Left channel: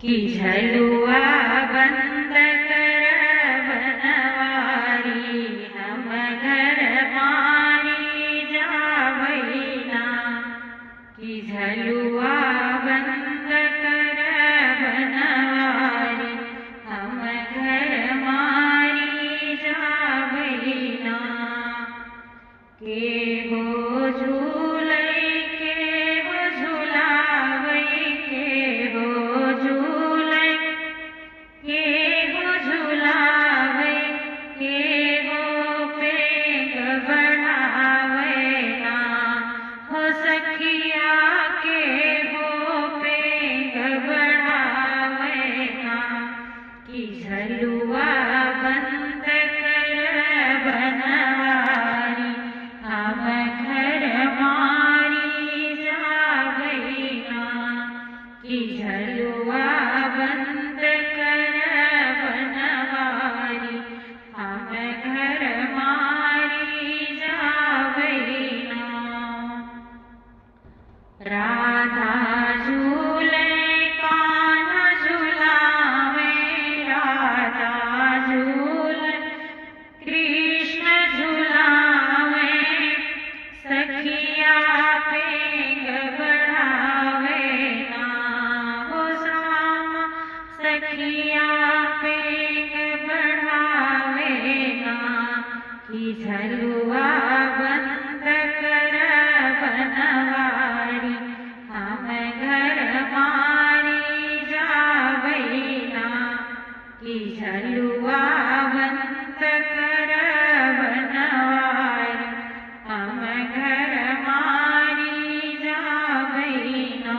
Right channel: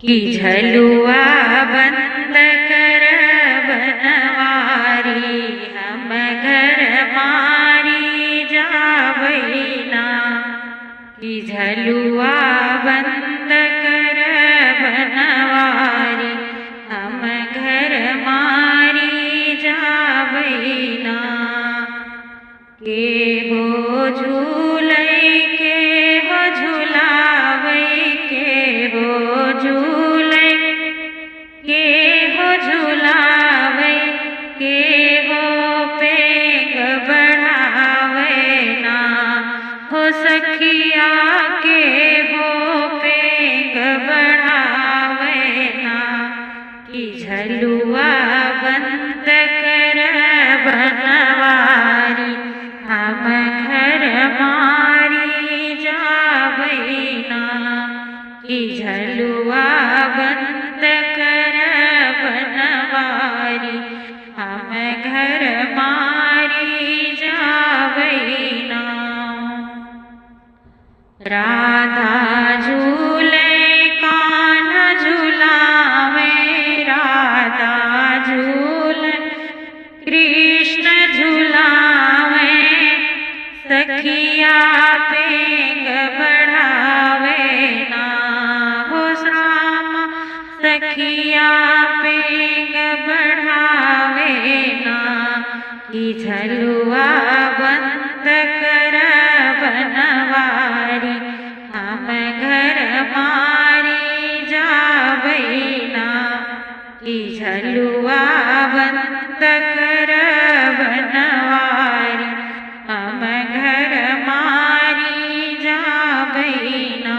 कि झलुआ बंद कर बनवारी, हम घर मारी जावैना। कि झलुआ बंद कर बनवारी, हम घर मारी जावैना। के हो झूलै के हो झुलावै, के हो झूलै के हो झुलावै, के हो पेग बढ़ावैना। हो सखिया के हो पेग बढ़ावैना। कि झलुआ बंद कर बनवारी, हम घर मारी जावैना। कि झलुआ बंद कर बनवारी, हम घर मारी जावैना। राधा झूले कान्हा झुलावे, राधा झूले कृष्ण झुलावे। सखिया पेग बढ़ावैना, हो श्यामा सखिया पेग बढ़ावैना। कि झलुआ बंद कर बनवारी, हम घर मारी जावैना। कि झलुआ बंद कर बनवारी, हम घर मारी जावैना।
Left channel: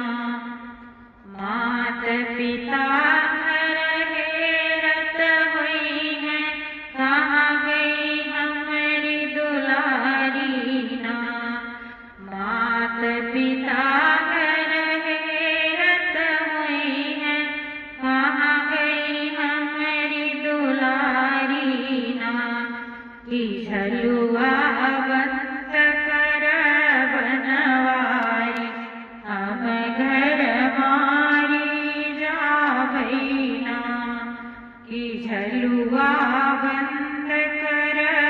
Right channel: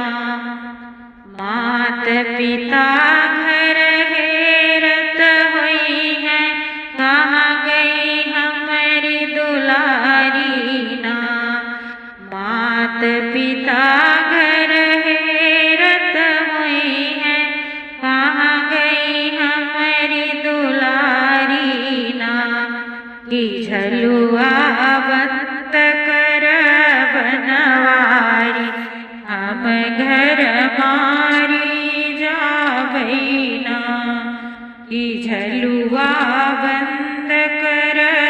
मात पिता घर हेरत होई है, कहाँ गई हमारी दुलारी ना। मात पिता घर हेरत होई है, कहाँ गई हमारी दुलारी ना। कि झलुआ बंद कर बनवारी, हम घर मारी जावैना। कि झलुआ बंद कर